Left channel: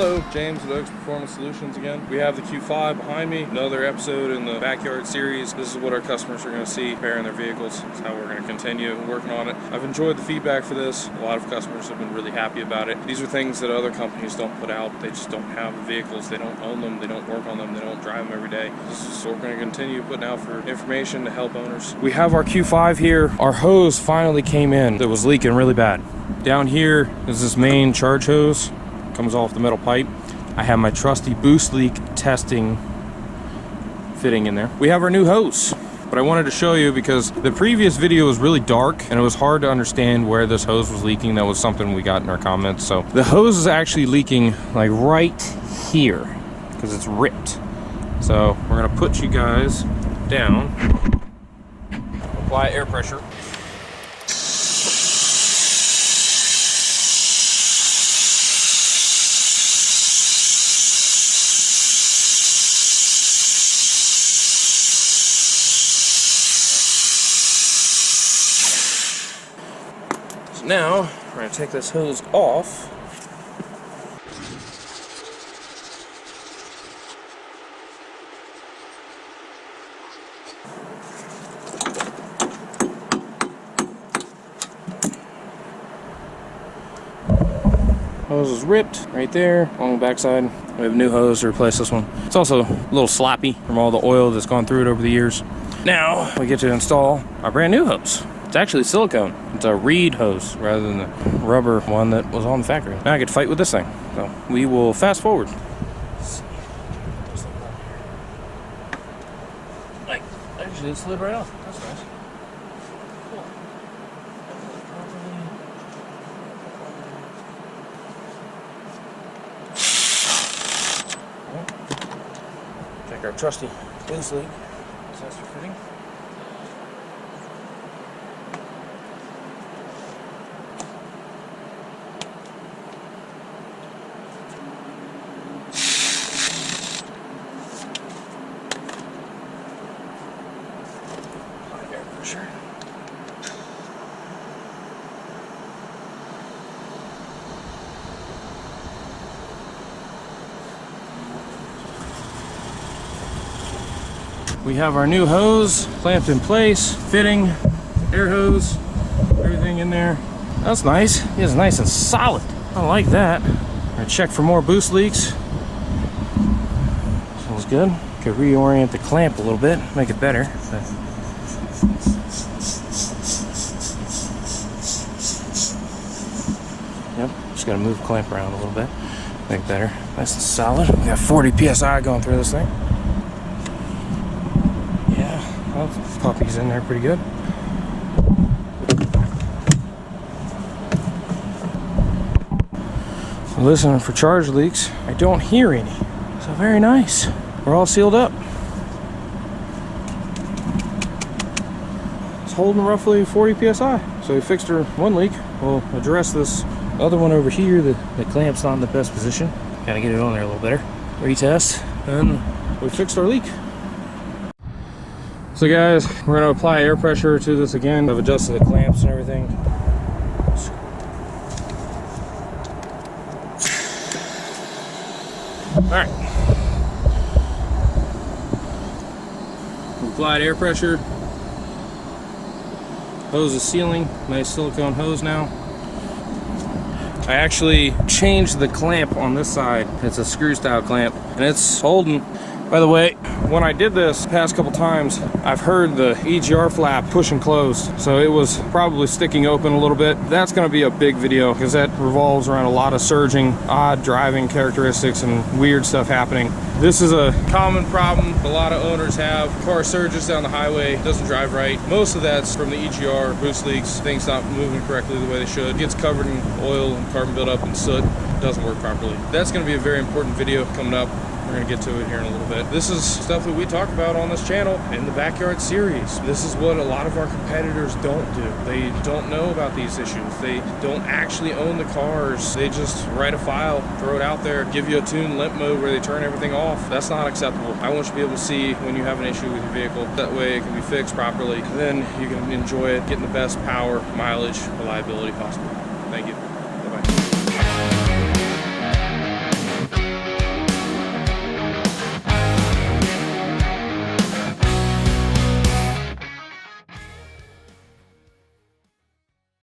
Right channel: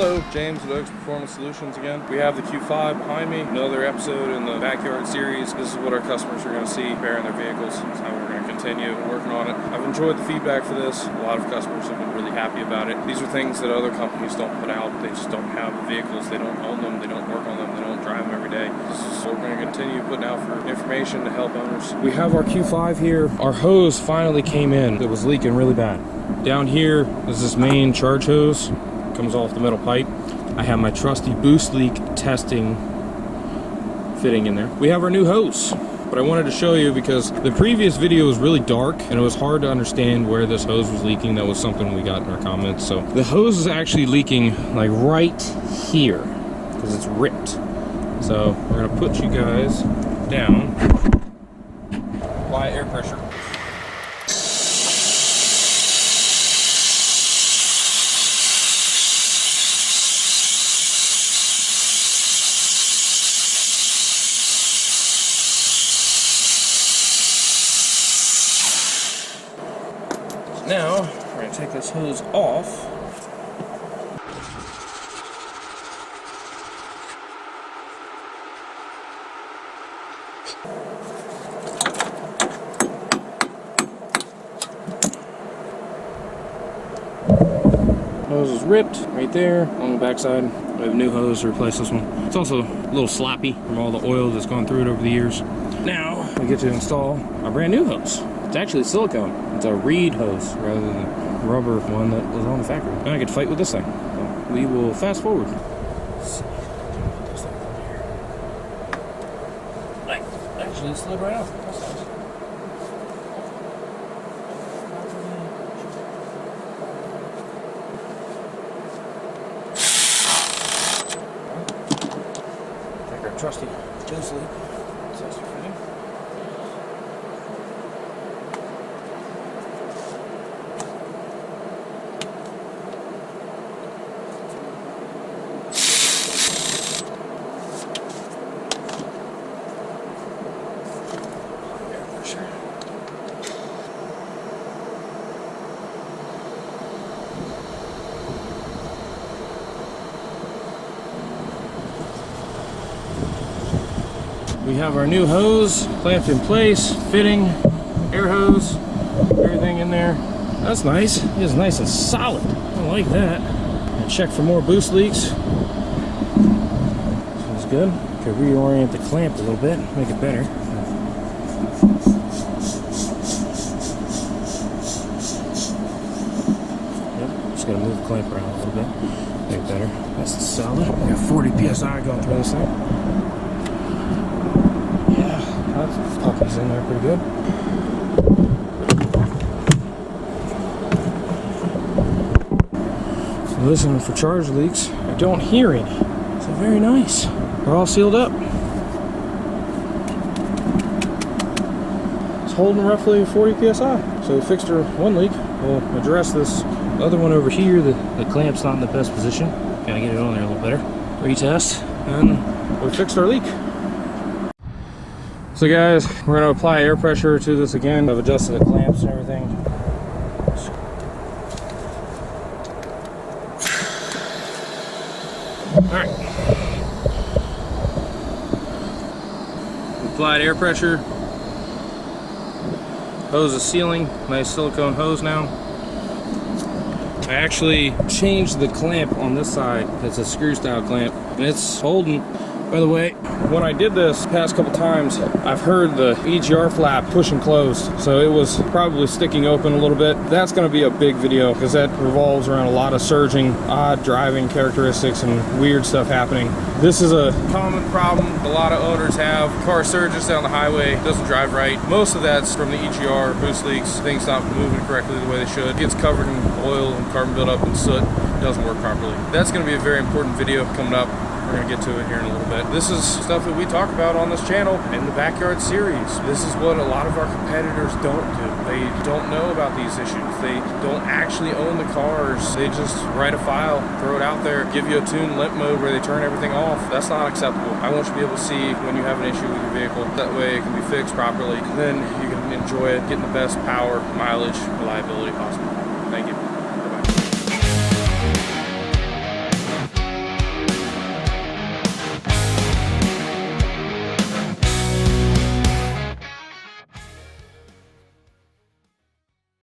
Hello, James with Oakesperformancesolutions again. We have the Q5 behind me, another episode in the backyard series. This is what our customers are going to see repairing their vehicles. That's how we're going to continue working on it. I've enjoyed the feedback for this. A lot of customers have been really happy about it. These are things that other companies don't put out. They just don't have the vehicles. They don't own them. They don't work on them. They don't drive them every day. This is what we're going to continue putting out for information to help owners. We have our Q5 here. Our hose finally came in. It was leaking really bad. Down here is this main charge hose. Comes off the metal pipe. I have my trusty boost leak testing fitting in there. We have our new hose, but I wanted to show you because the previous video was really dark and it was hard to understand where this hose was leaking. That was something we got in our comments. So the hose is actually leaking like right here because it's ripped. So we're gonna put you guys down, apply air pressure. Now, we're going to take this hose off. Hose is ripped right there on the backside. We have a new hose to replace this one. It's also a little sloppy from all the oil that's gone through it over the years. Now, we get to install our brand new hose. It's actually silicone. It's a reed hose rather than the rubber one that was on the factory. Now I could fight with this thing. So we will fast forward. Let's see. Put this thing over here. Like, actually it slid right off. That's nice. Cool. Take our trusty boost leak tester fitting. Sure. We have our new hose clamped in place, fitting, air hose, everything in there. That's nice. It is nice and solid. I like that. I'm gonna check for more boost leaks. Sounds good. Could reorient the clamp a little bit, make it better. Yep, just gotta move the clamp around a little bit, make it better. Nice and solid. We got 40 PSI going through this thing. Yeah, that puppy's in there pretty good. So listening for charge leaks. I don't hear any, so very nice. We're all sealed up. It's holding roughly 40 PSI. So we fixed our one leak. We'll address this other one over here. The clamp's not in the best position. Gotta get it on there a little better. Retest, and we fixed our leak. So guys, we're gonna apply air pressure to this again. I've adjusted the clamps and everything. All right. We applied air pressure. Hose is sealing. Nice silicone hose now. I actually changed the clamp on this side. It's a screw style clamp and it's holding. By the way, when I did this past couple times, I've heard the EGR flap push and close. So it was probably sticking open a little bit. That's gonna be a big video because that revolves around a lot of surging, odd driving characteristics and weird stuff happening. This is a common problem a lot of owners have. Car surges down the highway, doesn't drive right. Most of that's from the EGR, boost leaks, things not moving correctly the way they should. It gets covered in oil and carbon buildup and soot, doesn't work properly. That's gonna be a very important video coming up. We're gonna get to it here in a little bit. This is stuff that we talk about on this channel in the backyard series. This is what a lot of our competitors don't do. They don't know about these issues. They don't actually own the cars. They just write a file, throw it out there, give you a tune limp mode where they turn everything off. That's not acceptable. I want you to be able to see when you have an issue with your vehicle. That way it can be fixed properly. Then you can enjoy it, getting the best power, mileage, reliability possible. Thank you. Bye-bye.